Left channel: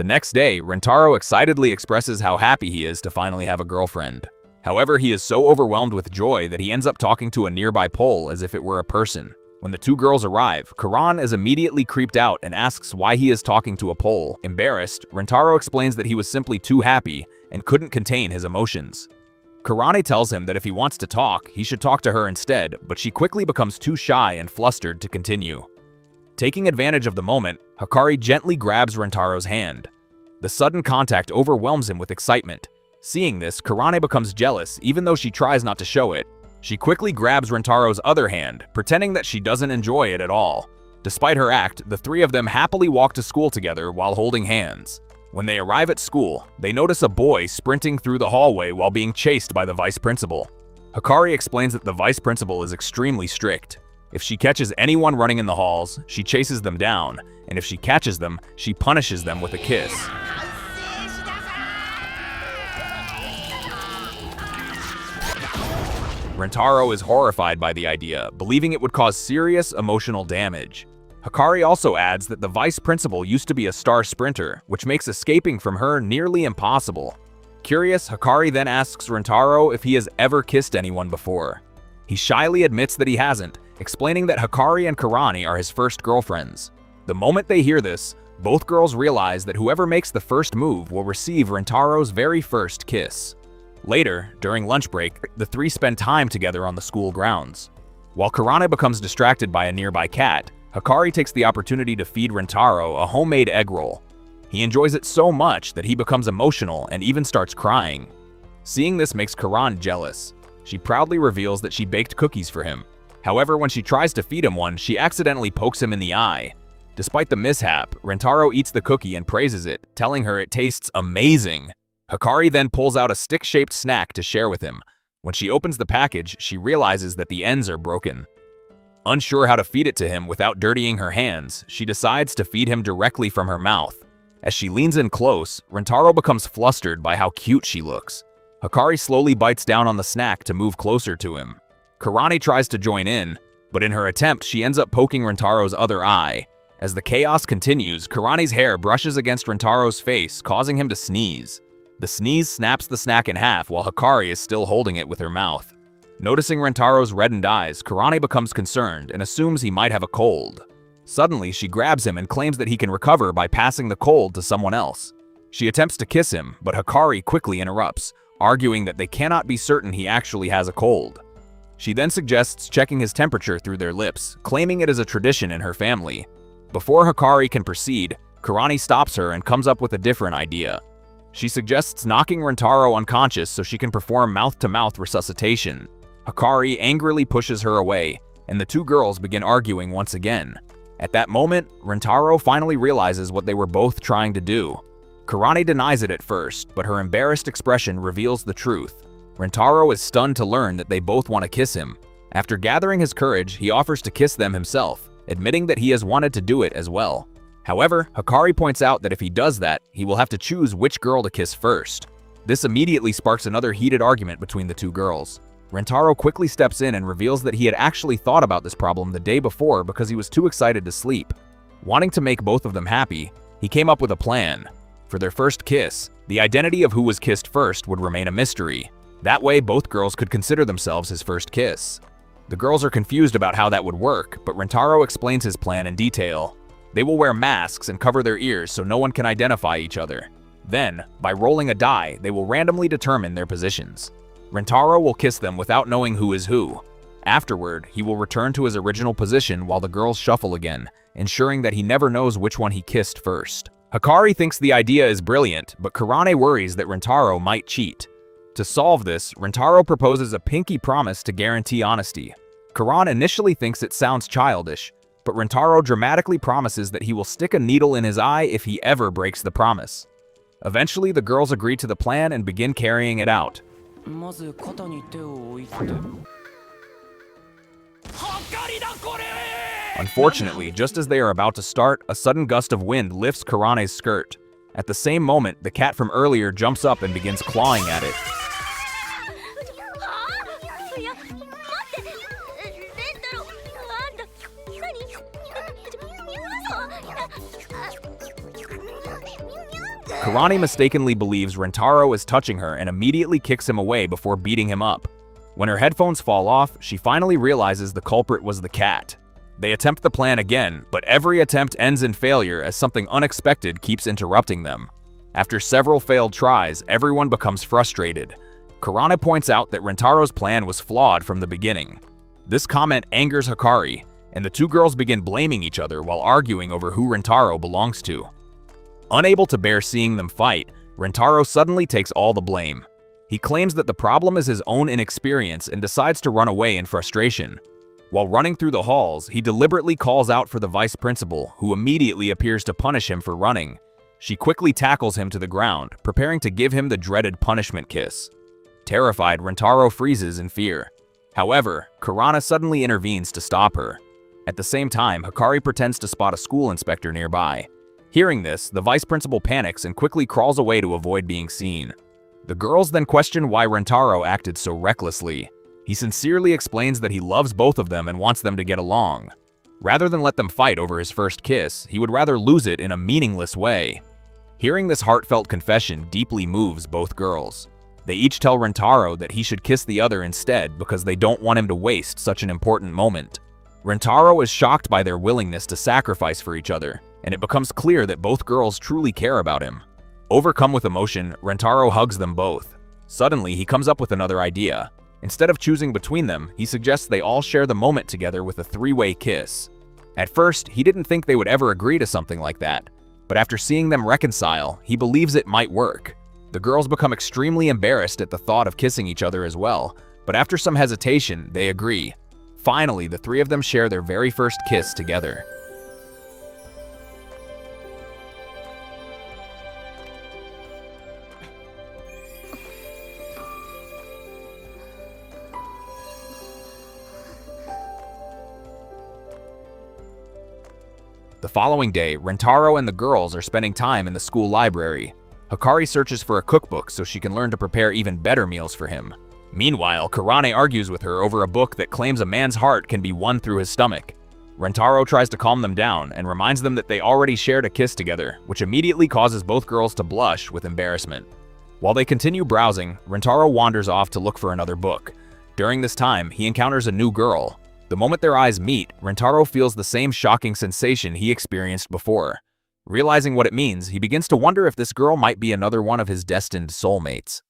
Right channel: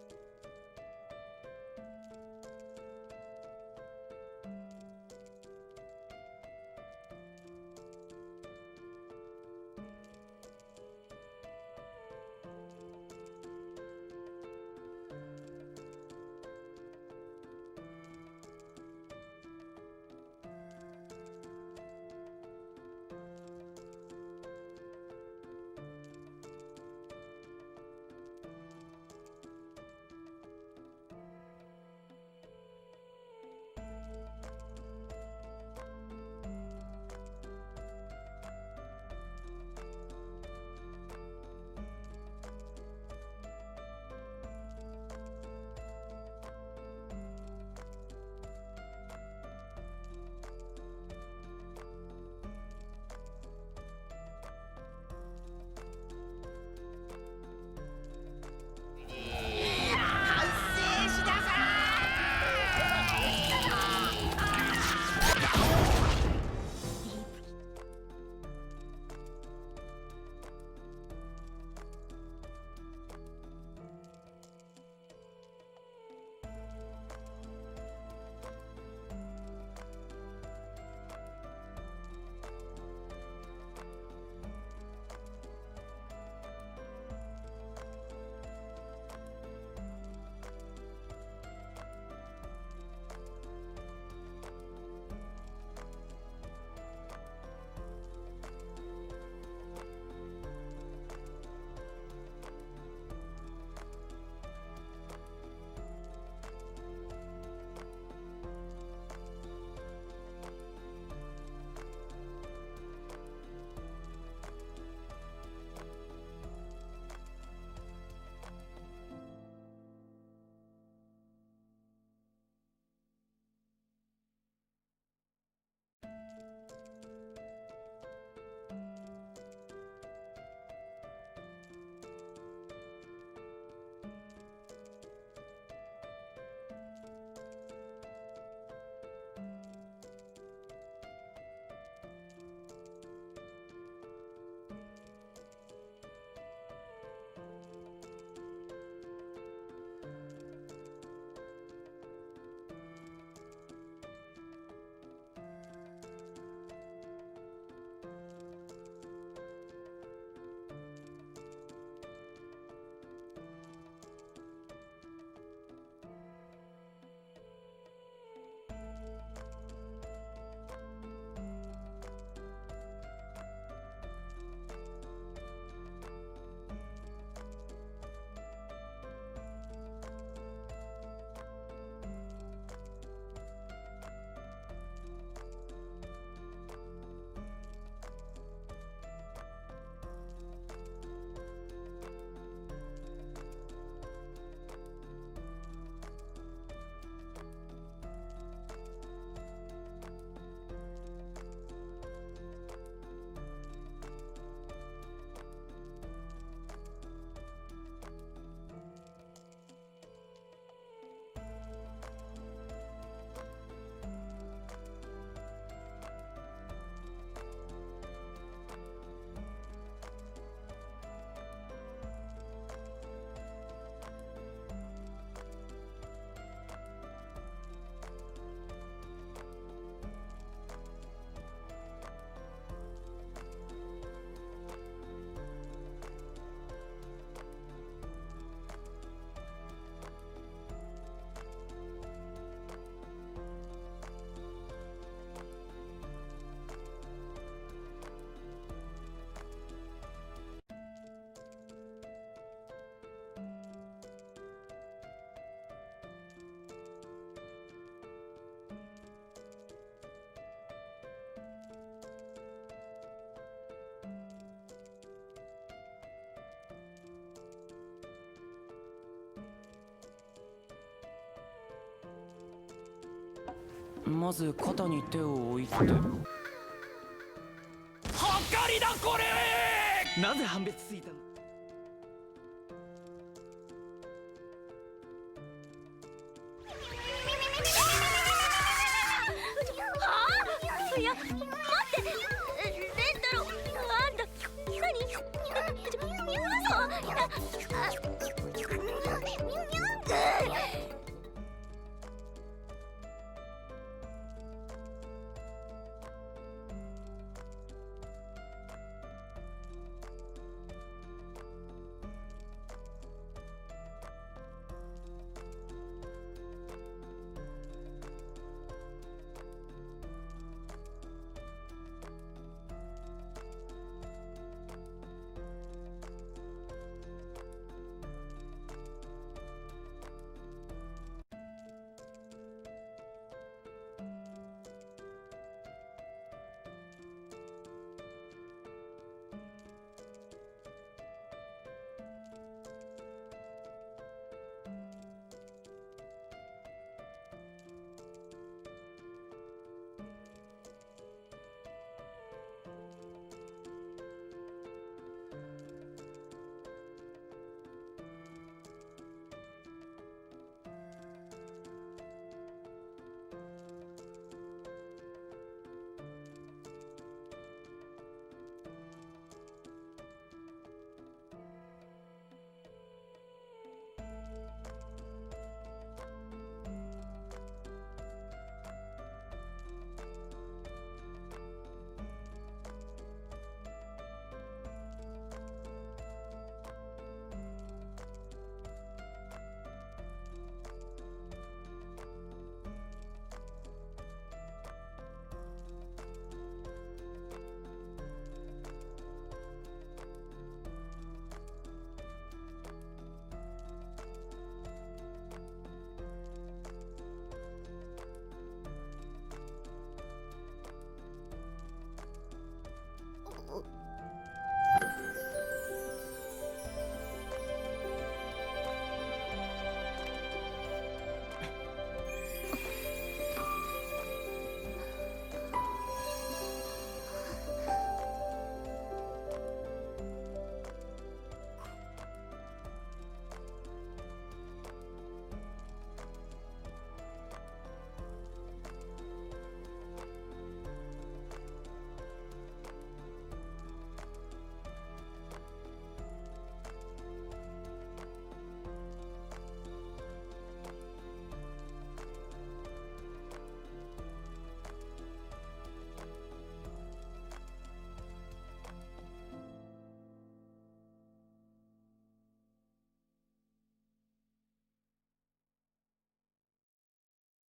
The next day, Rentaro excitedly expresses how happy he is to finally have a girlfriend. However, he is so overwhelmed with joy that he ends up talking to a nearby pole as if it were a person. When the two girls arrive, Karan is immediately creeped out and asks why he is talking to a pole. Embarrassed, Rentaro explains that he was simply too happy and couldn't contain his emotions. Karane tells him that if he wants to talk, he should talk to her instead, but she quickly becomes too shy and flustered to continue. Taking advantage of the moment, Hikari gently grabs Rentaro's hand. The sudden contact overwhelms him with excitement. Seeing this, Karane becomes jealous even though she tries not to show it. She quickly grabs Rentaro's other hand, pretending that she doesn't enjoy it at all. Despite her act, the three of them happily walk to school together while holding hands. When they arrive at school, they notice a boy sprinting through the hallway while being chased by the vice principal. Hikari explains that the vice principal is extremely strict. If she catches anyone running in the halls, she chases them down, and if she catches them, she punishes them with a kiss. Rentaro is horrified by the idea, believing it would cause serious emotional damage. Hikari also adds that the vice principal used to be a star sprinter, which makes escaping from her nearly impossible. Curious, Hikari then asks Rentaro if he has ever kissed anyone before. He shyly admits that he hasn't, explaining that Hikari and Karane are his first girlfriends. The moment they hear this, both girls realize that whoever makes the first move will receive Rentaro's very first kiss. Later, during lunch break, the three spend time together on the school grounds. While Karane becomes distracted by a nearby cat, Hikari takes the opportunity to feed Rentaro a homemade egg roll. He enjoys it so much that he becomes emotional and even starts crying. Seeing this makes Karan jealous. She proudly reveals that she baked cookies for him. However, when she tries to feed him one, she accidentally pokes him in the eye. Despite the mishap, Rentaro eats the cookie and praises it, telling her it tastes amazing. Hikari then pulls out a stick-shaped snack to share with him. When she opens the package, she realizes that the ends are broken. Unsure how to feed it to him without dirtying her hands, she decides to feed him directly from her mouth. As she leans in close, Rentaro becomes flustered by how cute she looks. Hikari slowly bites down on the snack to move closer to him. Karane tries to join in, but in her attempt, she ends up poking Rentaro's other eye. As the chaos continues, Karane's hair brushes against Rentaro's face, causing him to sneeze. The sneeze snaps the snack in half while Hikari is still holding it with her mouth. Noticing Rentaro's reddened eyes, Karane becomes concerned and assumes he might have a cold. Suddenly, she grabs him and claims that he can recover by passing the cold to someone else. She attempts to kiss him, but Hikari quickly interrupts, arguing that they cannot be certain he actually has a cold. She then suggests checking his temperature through their lips, claiming it is a tradition in her family. Before Hikari can proceed, Karane stops her and comes up with a different idea. She suggests knocking Rentaro unconscious so she can perform mouth-to-mouth resuscitation. Hikari angrily pushes her away, and the two girls begin arguing once again. At that moment, Rentaro finally realizes what they were both trying to do. Karane denies it at first, but her embarrassed expression reveals the truth. Rentaro is stunned to learn that they both want to kiss him. After gathering his courage, he offers to kiss them himself, admitting that he has wanted to do it as well. However, Hikari points out that if he does that, he will have to choose which girl to kiss first. This immediately sparks another heated argument between the two girls. Rentaro quickly steps in and reveals that he had actually thought about this problem the day before because he was too excited to sleep. Wanting to make both of them happy, he came up with a plan. For their first kiss, the identity of who was kissed first would remain a mystery. That way, both girls could consider themselves his first kiss. The girls are confused about how that would work, but Rentaro explains his plan in detail. They will wear masks and cover their ears so no one can identify each other. Then, by rolling a die, they will randomly determine their positions. Rentaro will kiss them without knowing who is who. Afterward, he will return to his original position while the girls shuffle again, ensuring that he never knows which one he kissed first. Hikari thinks the idea is brilliant, but Karane worries that Rentaro might cheat. To solve this, Rentaro proposes a pinky promise to guarantee honesty. Karan initially thinks it sounds childish, but Rentaro dramatically promises that he will stick a needle in his eye if he ever breaks the promise. Eventually, the girls agree to the plan and begin carrying it out. Unfortunately, just as they are about to start, a sudden gust of wind lifts Karane's skirt. At the same moment, the cat from earlier jumps up and begins clawing at it. Karane mistakenly believes Rentaro is touching her and immediately kicks him away before beating him up. When her headphones fall off, she finally realizes the culprit was the cat. They attempt the plan again, but every attempt ends in failure as something unexpected keeps interrupting them. After several failed tries, everyone becomes frustrated. Karane points out that Rentaro's plan was flawed from the beginning. This comment angers Hikari, and the two girls begin blaming each other while arguing over who Rentaro belongs to. Unable to bear seeing them fight, Rentaro suddenly takes all the blame. He claims that the problem is his own inexperience and decides to run away in frustration. While running through the halls, he deliberately calls out for the vice principal, who immediately appears to punish him for running. She quickly tackles him to the ground, preparing to give him the dreaded punishment kiss. Terrified, Rentaro freezes in fear. However, Karane suddenly intervenes to stop her. At the same time, Hikari pretends to spot a school inspector nearby. Hearing this, the vice principal panics and quickly crawls away to avoid being seen. The girls then question why Rentaro acted so recklessly. He sincerely explains that he loves both of them and wants them to get along. Rather than let them fight over his first kiss, he would rather lose it in a meaningless way. Hearing this heartfelt confession deeply moves both girls. They each tell Rentaro that he should kiss the other instead because they don't want him to waste such an important moment. Rentaro is shocked by their willingness to sacrifice for each other, and it becomes clear that both girls truly care about him. Overcome with emotion, Rentaro hugs them both. Suddenly, he comes up with another idea. Instead of choosing between them, he suggests they all share the moment together with a three-way kiss. At first, he didn't think they would ever agree to something like that, but after seeing them reconcile, he believes it might work. The girls become extremely embarrassed at the thought of kissing each other as well, but after some hesitation, they agree. Finally, the three of them share their very first kiss together. The following day, Rentaro and the girls are spending time in the school library. Hikari searches for a cookbook so she can learn to prepare even better meals for him. Meanwhile, Karane argues with her over a book that claims a man's heart can be won through his stomach. Rentaro tries to calm them down and reminds them that they already shared a kiss together, which immediately causes both girls to blush with embarrassment. While they continue browsing, Rentaro wanders off to look for another book. During this time, he encounters a new girl. The moment their eyes meet, Rentaro feels the same shocking sensation he experienced before. Realizing what it means, he begins to wonder if this girl might be another one of his destined soulmates.